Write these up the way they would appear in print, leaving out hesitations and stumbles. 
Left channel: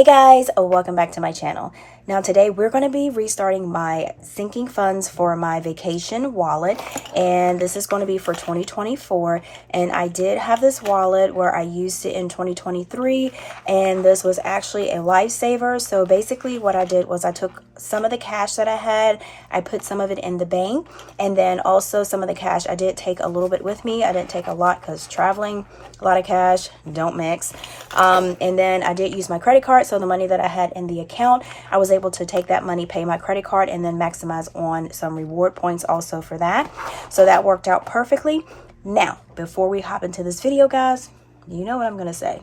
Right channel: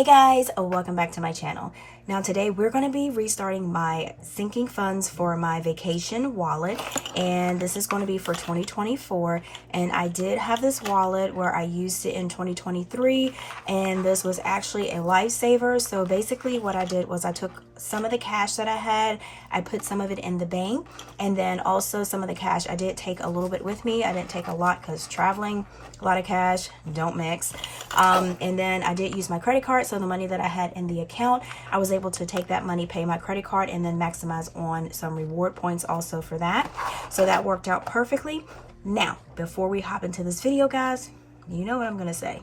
Hey guys, welcome back to my channel. Now today we're going to be restarting my sinking funds for my vacation wallet, and this is going to be for 2024. And I did have this wallet where I used it in 2023, and this was actually a lifesaver. So basically what I did was I took some of the cash that I had, I put some of it in the bank, and then also some of the cash I did take a little bit with me. I didn't take a lot because traveling, a lot of cash don't mix. And then I did use my credit card, so the money that I had in the account, I was able to take that money, pay my credit card, and then maximize on some reward points also for that. So that worked out perfectly. Now before we hop into this video, guys, you know what I'm gonna say.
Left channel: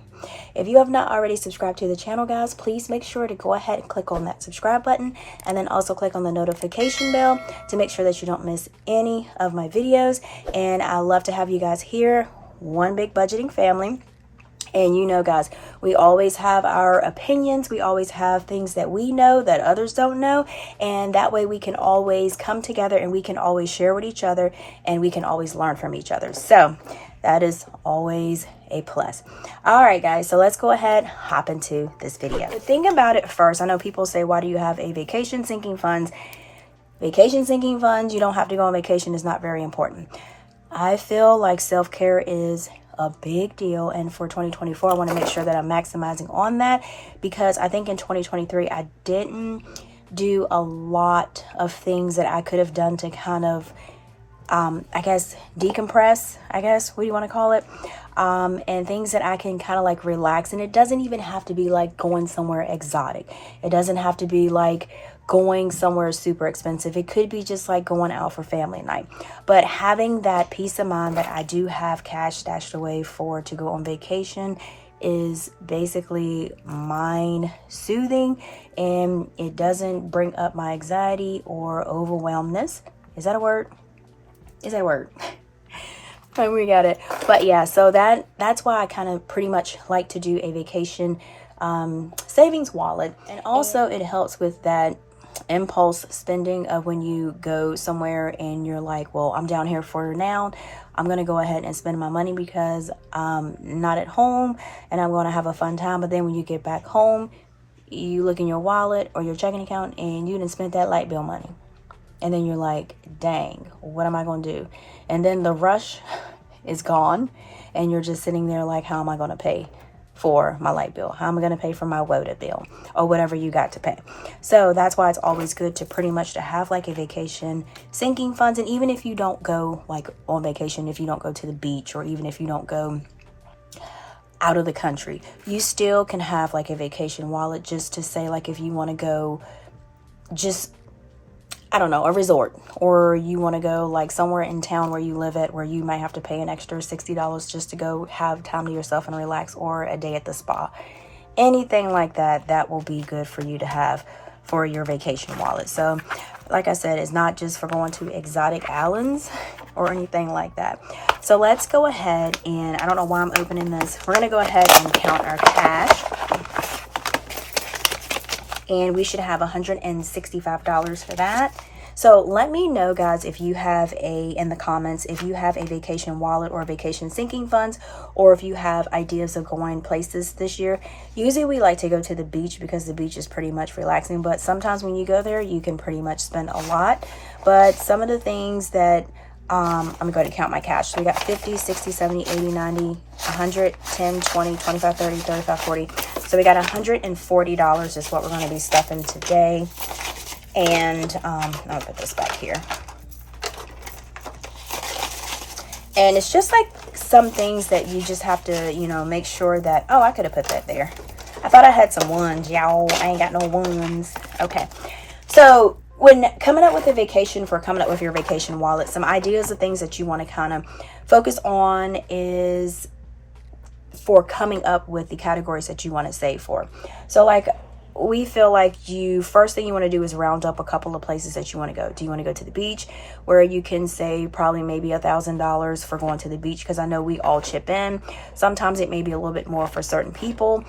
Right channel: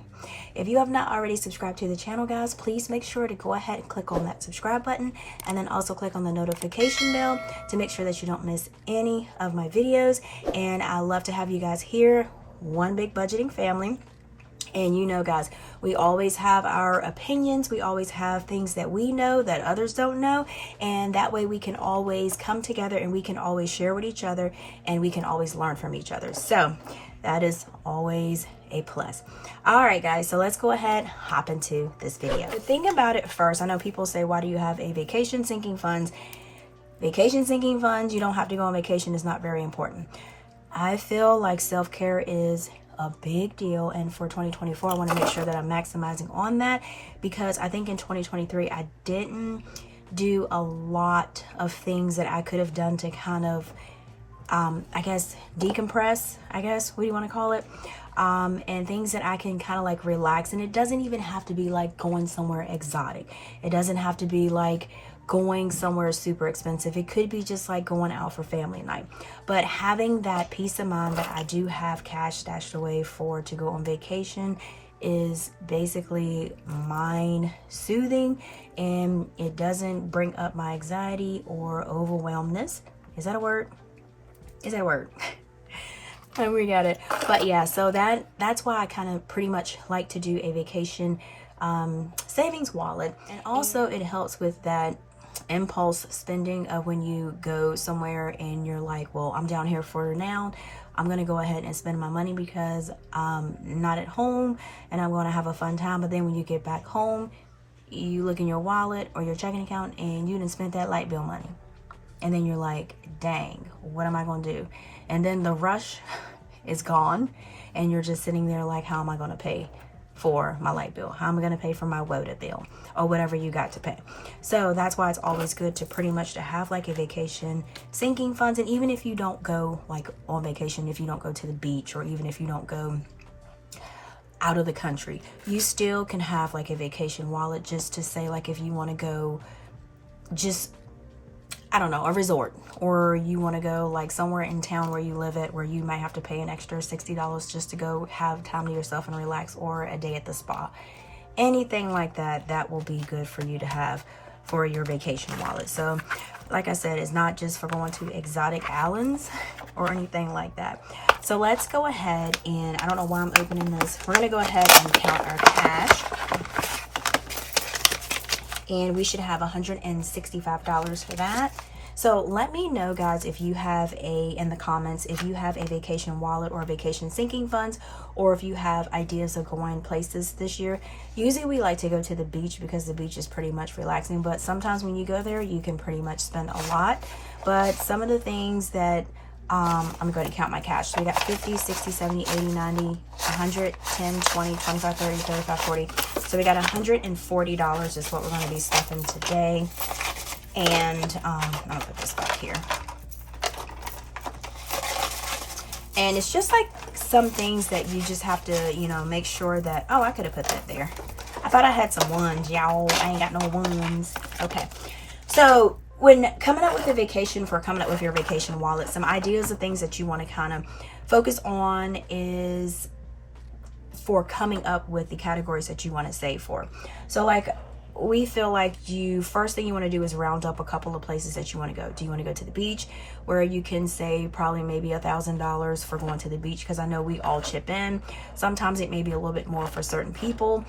If you have not already subscribed to the channel, guys, please make sure to go ahead and click on that subscribe button, and then also click on the notification bell to make sure that you don't miss any of my videos. And I love to have you guys here, one big budgeting family. And you know, guys, we always have our opinions. We always have things that we know that others don't know. And that way we can always come together and we can always share with each other and we can always learn from each other. So that is always a plus. All right, guys, so let's go ahead, hop into this video. The thing about it first, I know people say, why do you have a vacation sinking funds? Vacation sinking funds, you don't have to go on vacation, is not very important. I feel like self-care is a big deal, and for 2024 I want to make sure that I'm maximizing on that, because I think in 2023 I didn't do a lot of things that I could have done to kind of I guess decompress, I guess, what do you want to call it, and things that I can kind of like relax. And it doesn't even have to be like going somewhere exotic. It doesn't have to be like going somewhere super expensive. It could be just like going out for family night, but having that peace of mind that I do have cash stashed away for to go on vacation is basically mind soothing, and it doesn't bring up my anxiety or overwhelmness. Is that a word? Is that a word? We got it. But yeah, so that's why I kind of pretty much like to do a vacation savings wallet. And also it helps with that impulse spending of when you go somewhere and you're like, well, I'm down here for now, I'm going to go ahead and spend my money because I'm not at home and I'm going to have a fun time. But then when you get back home, you look in your wallet or your checking account and you didn't spend that light bill money. And then you're like, dang, what am I going to do? And then the rush is gone and you're just sitting there like, how am I going to pay for my light bill? How am I going to pay for my water bill or whatever you got to pay? So that's why it's always good to pretty much to have like a vacation sinking funds. And even if you don't go like on vacation, if you don't go to the beach, or even if you don't go out of the country, you still can have like a vacation wallet just to say, like, if you want to go just, I don't know, a resort, or you want to go like somewhere in town where you live at, where you might have to pay an extra $60 just to go have time to yourself and relax, or a day at the spa, anything like that, that will be good for you to have for your vacation wallet. So like I said, it's not just for going to exotic islands or anything like that. So let's go ahead, and I don't know why I'm opening this. We're going to go ahead and count our cash. And we should have $165 for that. So let me know, guys, if you have in the comments, if you have a vacation wallet or vacation sinking funds, or if you have ideas of going places this year. Usually we like to go to the beach because the beach is pretty much relaxing, but sometimes when you go there, you can pretty much spend a lot. But some of the things that I'm going to count my cash. So we got 50, 60, 70, 80, 90, 100, 10, 20, 25, 30, 35, 40. So we got $140 is what we're going to be stuffing today. And I'll put this back here. And it's just like some things that you just have to, you know, make sure that, oh, I could have put that there. I thought I had some ones, y'all. I ain't got no ones. Okay. So when coming up with a vacation, for coming up with your vacation wallet, some ideas of things that you want to kind of focus on is for coming up with the categories that you want to save for. So like, we feel like first thing you want to do is round up a couple of places that you want to go. Do you want to go to the beach, where you can save probably maybe $1,000 for going to the beach? Because I know we all chip in. Sometimes it may be a little bit more for certain people,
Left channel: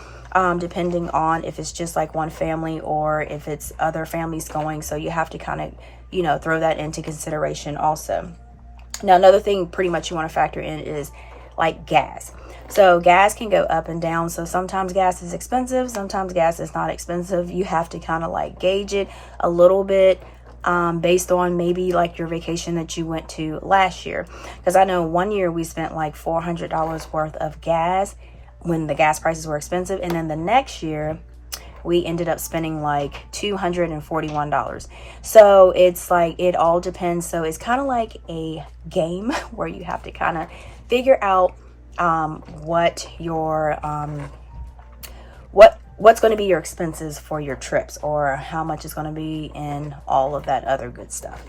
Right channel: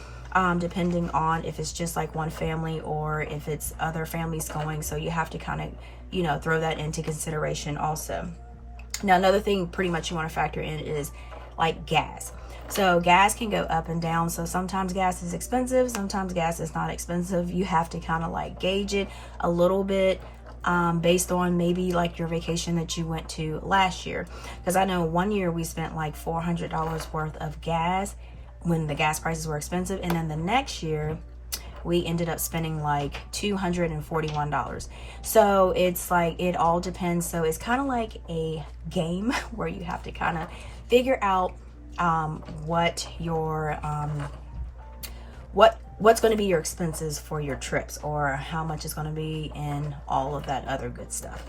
depending on if it's just like one family or if it's other families going. So you have to kind of, you know, throw that into consideration also. Now, another thing pretty much you want to factor in is like gas. So gas can go up and down. So sometimes gas is expensive, sometimes gas is not expensive. You have to kind of like gauge it a little bit based on maybe like your vacation that you went to last year. Because I know one year we spent like $400 worth of gas when the gas prices were expensive, and then the next year we ended up spending like $241. So it's like, it all depends. So it's kind of like a game where you have to kind of figure out what your what's going to be your expenses for your trips, or how much is going to be, and all of that other good stuff.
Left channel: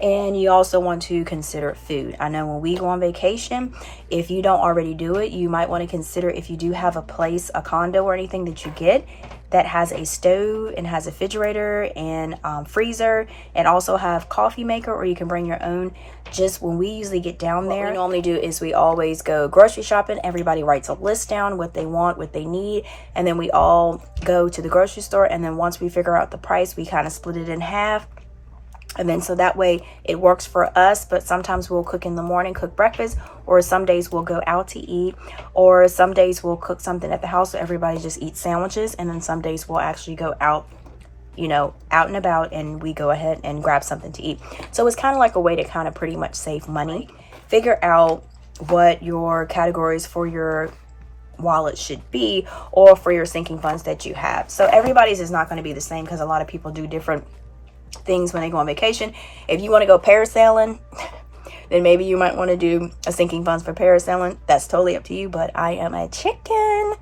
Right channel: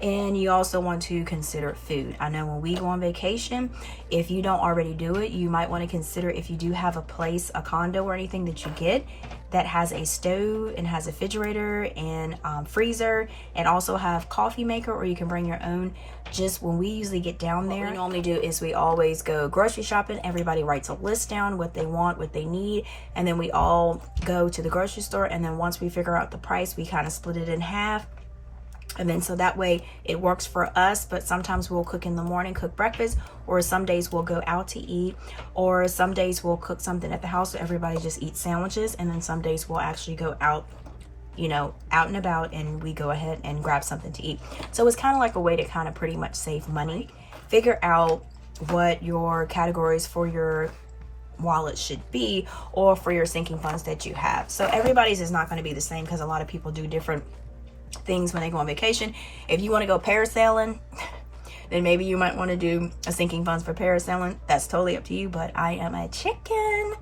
And you also want to consider food. I know when we go on vacation, if you don't already do it, you might want to consider, if you do have a place, a condo or anything that you get that has a stove and has a refrigerator and freezer, and also have coffee maker, or you can bring your own. Just when we usually get down there, what we normally do is we always go grocery shopping. Everybody writes a list down, what they want, what they need, and then we all go to the grocery store. And then once we figure out the price, we kind of split it in half. And then so that way it works for us. But sometimes we'll cook in the morning, cook breakfast, or some days we'll go out to eat, or some days we'll cook something at the house so everybody just eats sandwiches. And then some days we'll actually go out, you know, out and about, and we go ahead and grab something to eat. So it's kind of like a way to kind of pretty much save money. Figure out what your categories for your wallet should be, or for your sinking funds that you have. So everybody's is not going to be the same, because a lot of people do different things when they go on vacation. If you want to go parasailing, then maybe you might want to do a sinking funds for parasailing. That's totally up to you, but I am a chicken,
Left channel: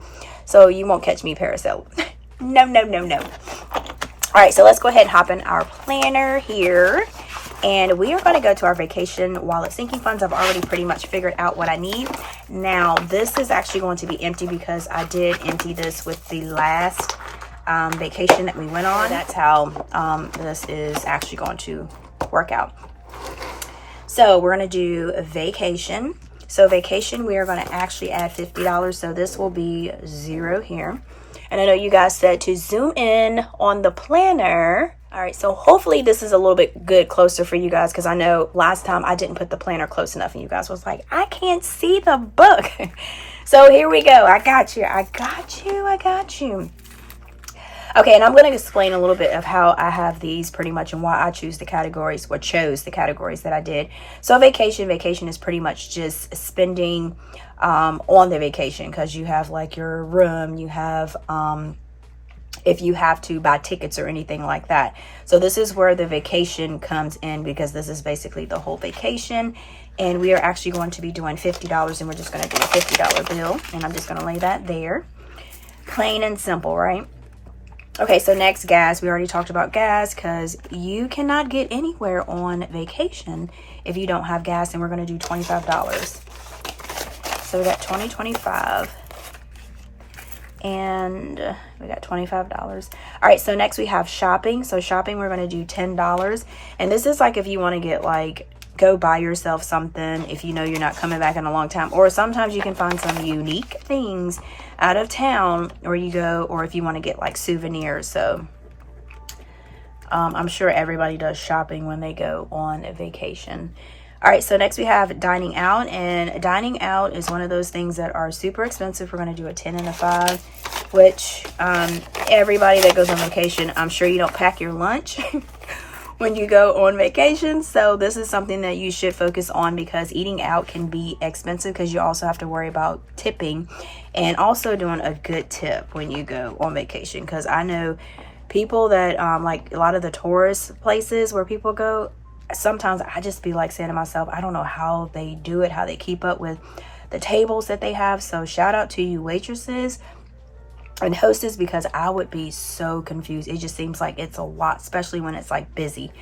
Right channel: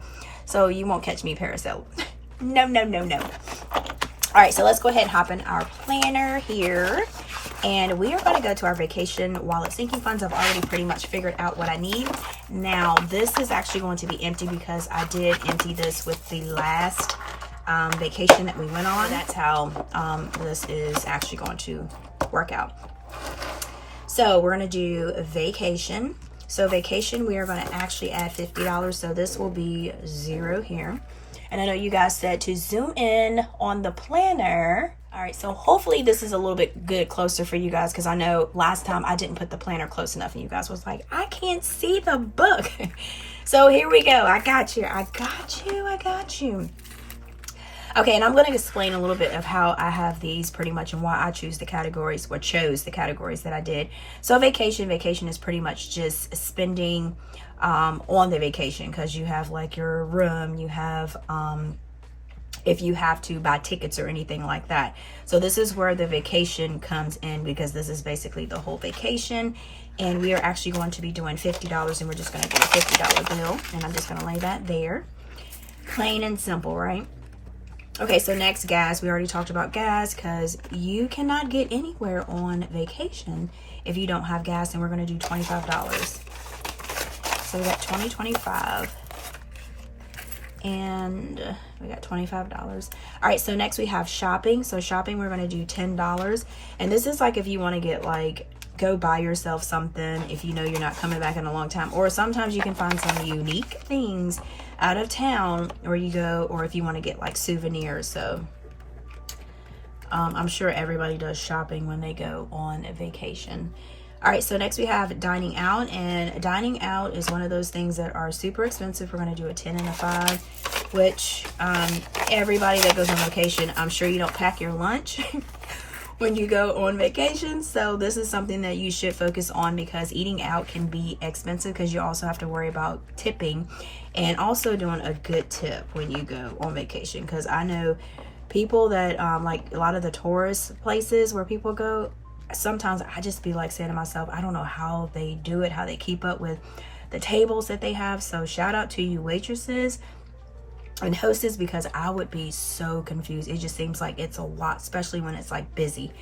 so you won't catch me parasailing. No, no, no, no. All right, so let's go ahead and hop in our planner here, and we are going to go to our vacation wallet sinking funds. I've already pretty much figured out what I need. Now this is actually going to be empty because I did empty this with the last vacation that we went on. That's how this is actually going to work out. So we're going to do a vacation. So vacation, we are going to actually add $50. So this will be 0 here. And I know you guys said to zoom in on the planner. All right, so hopefully this is a little bit closer for you guys, because I know last time I didn't put the planner close enough and you guys was like, I can't see the book. So here we go. I got you. I got you. I got you. Okay, and I'm going to explain a little bit of how I have these pretty much, and why I choose the categories, or chose the categories that I did. So vacation is pretty much just spending on the vacation, because you have like your room, you have if you have to buy tickets or anything like that. So this is where the vacation comes in, because this is basically the whole vacation. And we are actually going to be doing $50, and we're just going to do a $50 bill, and I'm just going to lay that there. Plain and simple, right? Okay, so next, gas. We already talked about gas, because you cannot get anywhere on vacation if you don't have gas, and we're going to do $25. So we got $20, $25, and we got $25. All right, so next we have shopping. So shopping, we're going to do $10, and this is like if you want to get like, go buy yourself something if you know you're not coming back in a long time, or sometimes you can find some unique things out of town, or you go, or if you want to get like souvenirs. So I'm sure everybody does shopping when they go on a vacation. All right, so next we have dining out, and dining out is one of those things that are super expensive. We're going to do a 10 and a 5, which everybody that goes on vacation, I'm sure you don't pack your lunch when you go on vacation. So this is something that you should focus on, because eating out can be expensive, because you also have to worry about tipping, and also doing a good tip when you go on vacation. Because I know people that like a lot of the tourist places where people go, sometimes I just be like saying to myself, I don't know how they do it, how they keep up with the tables that they have. So shout out to you waitresses and hostess, because I would be so confused. It just seems like it's a lot, especially when it's like busy.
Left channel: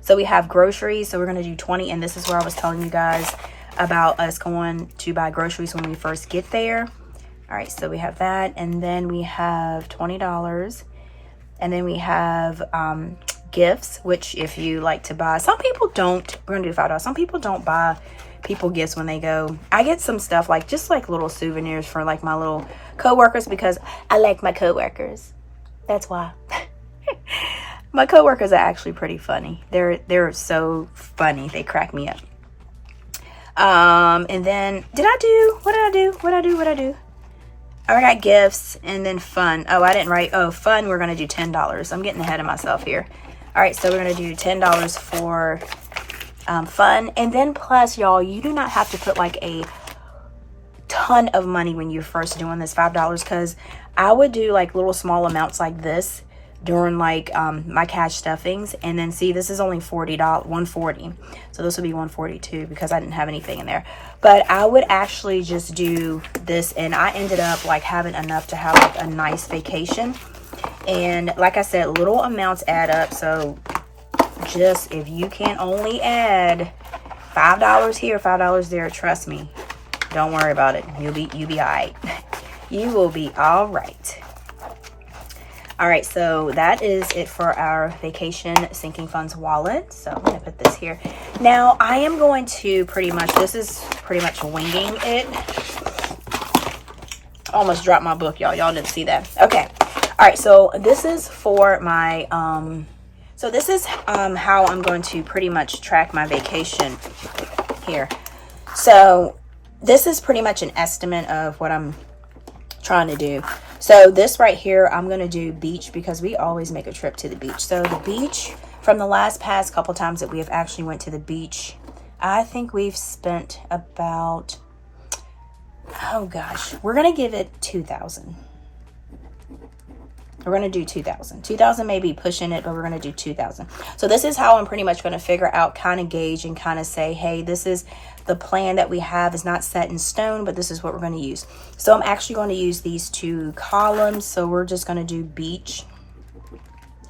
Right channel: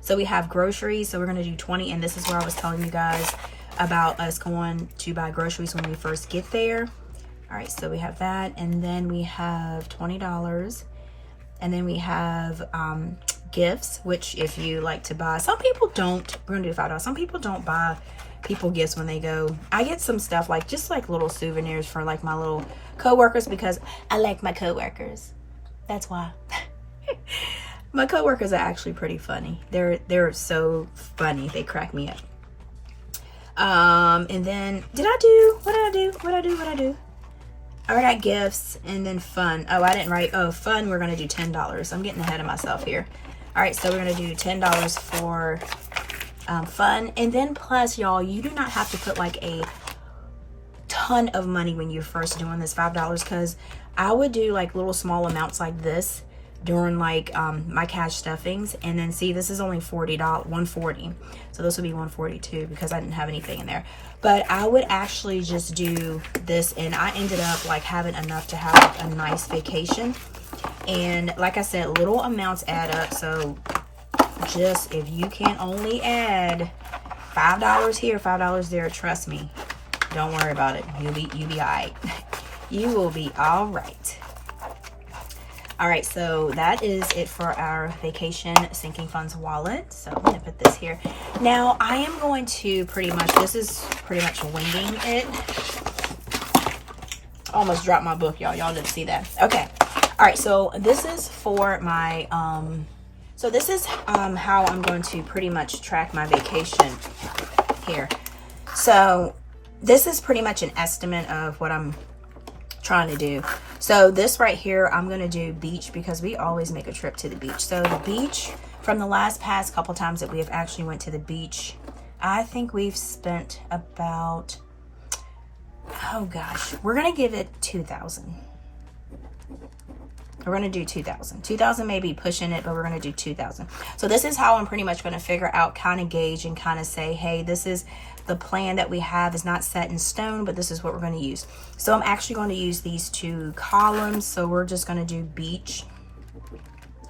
So we have groceries. So we're going to do 20. And this is where I was telling you guys about us going to buy groceries when we first get there. All right, so we have that. And then we have $20. And then we have gifts, which if you like to buy, some people don't. We're gonna do $5. Some people don't buy people gifts when they go. I get some stuff like just like little souvenirs for like my little co-workers, because I like my co-workers. That's why. My co-workers are actually pretty funny. They're so funny. They crack me up. And then what did I do? I got gifts and then fun. Oh, I didn't write. Oh, fun, we're going to do $10. I'm getting ahead of myself here. All right, so we're going to do $10 for fun. And then plus, y'all, you do not have to put like a ton of money when you're first doing this, $5, because I would do like little small amounts like this during like my cash stuffings. And then see, this is only $40, $140. So this would be $142 because I didn't have anything in there. But I would actually just do this, and I ended up like having enough to have like a nice vacation. And like I said, little amounts add up. So just if you can only add $5 here, $5 there, trust me, don't worry about it. You'll be all right. You will be all right. All right, so that is it for our vacation sinking funds wallet. So I'm gonna put this here. Now I am going to this is pretty much winging it. Almost dropped my book, y'all. Y'all didn't see that. Okay. All right, so this is for my, so this is how I'm going to pretty much track my vacation here. So this is pretty much an estimate of what I'm trying to do. So this right here, I'm going to do beach because we always make a trip to the beach. So the beach, from the past couple times that we have actually went to the beach, I think we've spent about, oh gosh, we're going to give it 2,000. We're going to do 2,000. 2,000 may be pushing it, but we're going to do 2,000. So this is how I'm pretty much going to figure out, kind of gauge and kind of say, hey, this is the plan that we have. Is not set in stone, but this is what we're going to use. So I'm actually going to use these two columns. So we're just going to do beach,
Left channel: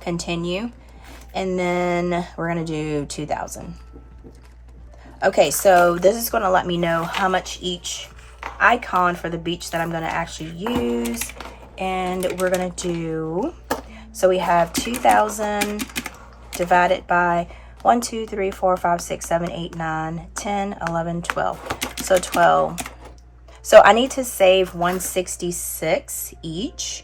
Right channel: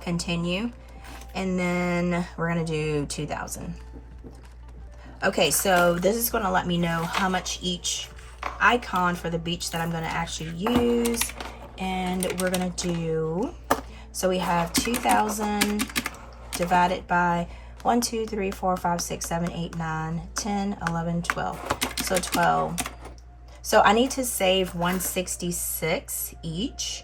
continue, and then we're going to do 2,000. Okay, so this is going to let me know how much each icon for the beach that I'm going to actually use. And we're going to do, so we have 2,000 divided by 1, 2, 3, 4, 5, 6, 7, 8, 9, 10, 11, 12. So 12. So I need to save 166 each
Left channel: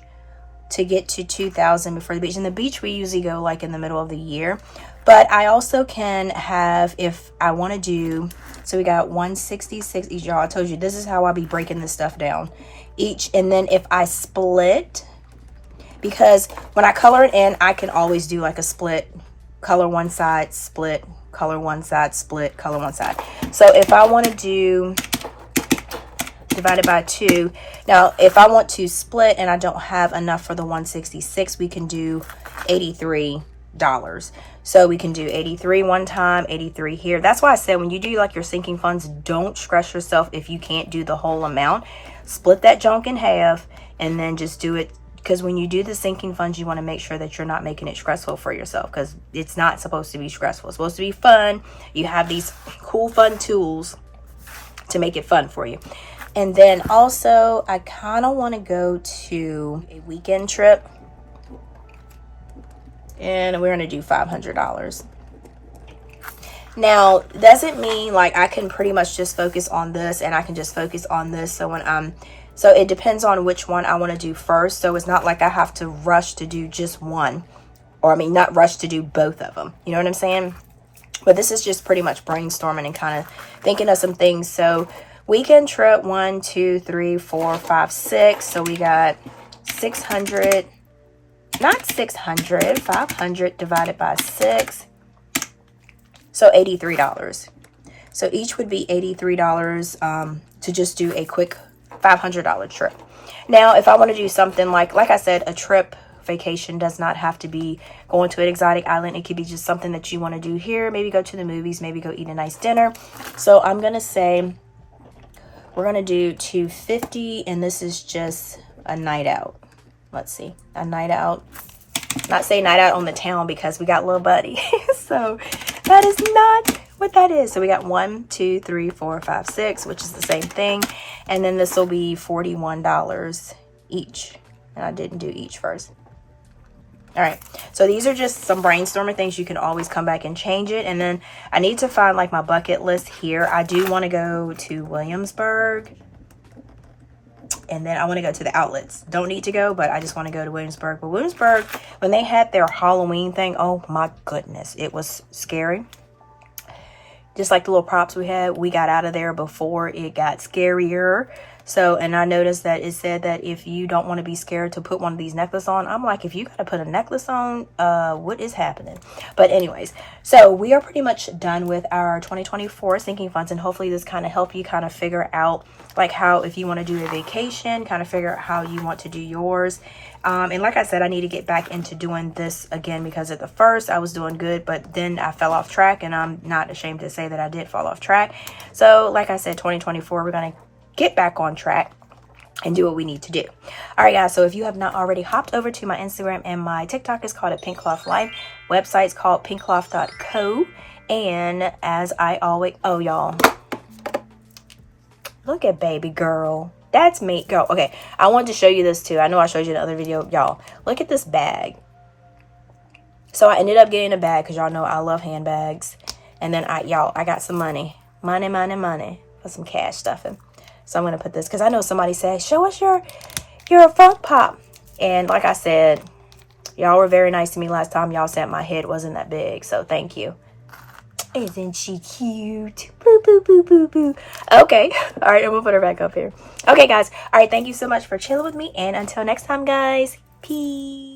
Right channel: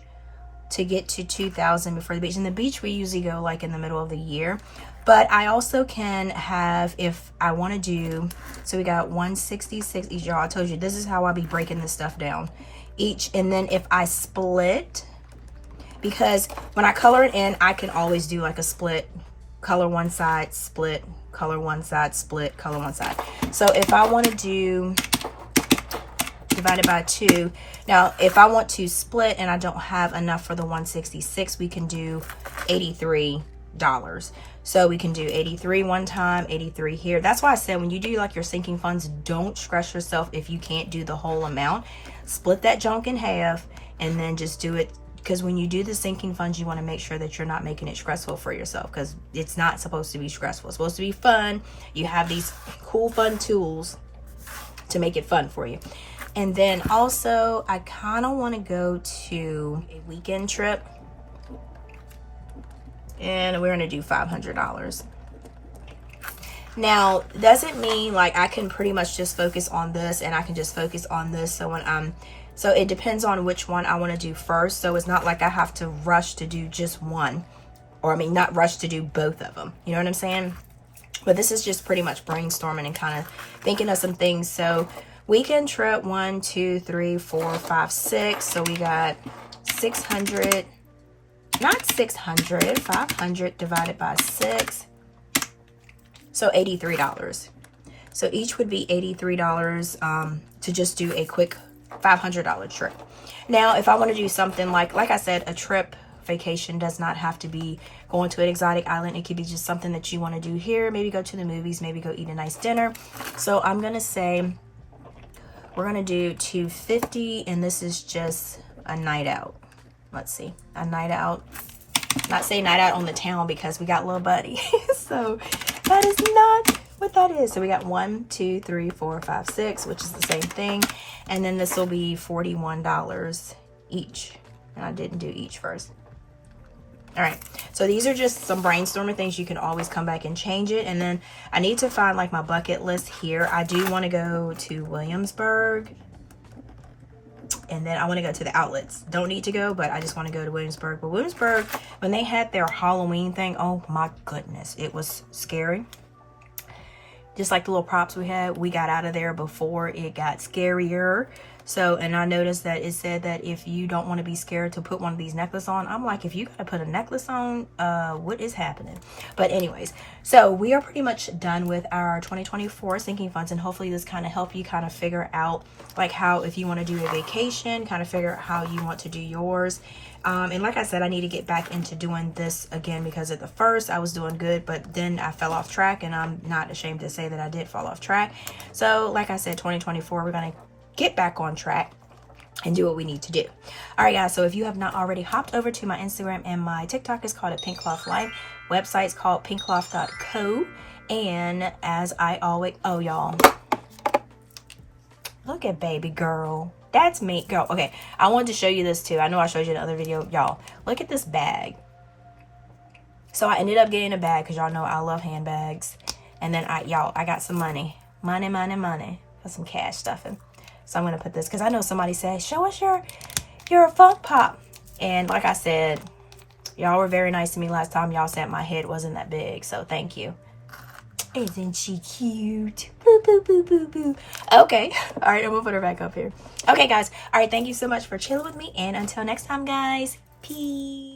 to get to 2,000 before the beach. And the beach we usually go like in the middle of the year. But I also can have, if I want to do, so we got 166 each, y'all. I told you this is how I'll be breaking this stuff down each. And then if I split, because when I color it in, I can always do like a split, color one side, split, color one side, split, color one side. So if I want to do divided by 2, now if I want to split and I don't have enough for the 166, we can do $83. So we can do 83 one time, 83 here. That's why I said when you do like your sinking funds, don't stress yourself if you can't do the whole amount. Split that junk in half and then just do it, because when you do the sinking funds, you want to make sure that you're not making it stressful for yourself, because it's not supposed to be stressful. It's supposed to be fun. You have these cool fun tools to make it fun for you. And then also I kind of want to go to a weekend trip. And we're going to do $500. Now, doesn't mean like I can pretty much just focus on this and I can just focus on this. So when so it depends on which one I want to do first. So it's not like I have to rush to do just one, or I mean, not rush to do both of them. You know what I'm saying? But this is just pretty much brainstorming and kind of thinking of some things. So weekend trip, 1, 2, 3, 4, 5, 6. So we got 600. Not 600, 500 divided by 6. So $83. So each would be $83 to just do a quick $500 trip. Now, if I want to do something like I said, a trip vacation does not have to be going to an exotic island. It could be just something that you want to do here. Maybe go to the movies, maybe go eat a nice dinner. So I'm going to say we're going to do $250, and this is just a night out. Let's see, a night out. Not say night out on the town because we got little buddy. So that is not what that is. So we got 1, 2, 3, 4, 5, 6, which is the same thing. And then this will be $41 each. And I didn't do each first. All right. So these are just some brainstorming things. You can always come back and change it. And then I need to find like my bucket list here. I do want to go to Williamsburg. And then I want to go to the outlets. Don't need to go, but I just want to go to Williamsburg. But Williamsburg, when they had their Halloween thing, oh my goodness, it was scary. Just like the little props we had, we got out of there before it got scarier. So, and I noticed that it said that if you don't want to be scared to put one of these necklaces on, I'm like, if you got to put a necklace on, what is happening? But anyways, so we are pretty much done with our 2024 sinking funds, and hopefully this kind of help you kind of figure out like how, if you want to do a vacation, kind of figure out how you want to do yours. And like I said, I need to get back into doing this again, because at the first I was doing good, but then I fell off track, and I'm not ashamed to say that I did fall off track. So like I said, 2024, we're going to get back on track and do what we need to do. All right, guys. So if you have not already hopped over to my Instagram, and my TikTok is called 𝗗𝗚𝗏𝗡, website's called 𝗗𝗚𝗏𝗡. And as I always, oh, y'all, look at baby girl. That's me, girl. Okay, I wanted to show you this too. I know I showed you in the other video. Y'all, look at this bag. So I ended up getting a bag because y'all know I love handbags. And then I got some money for some cash stuffing. So I'm going to put this, because I know somebody said, show us your funk pop. And like I said, y'all were very nice to me last time. Y'all said my head wasn't that big. So thank you. Isn't she cute? Boo, boo, boo, boo, boo. Okay. All right. I'm going to put her back up here. Okay, guys. All right. Thank you so much for chilling with me. And until next time, guys. Peace.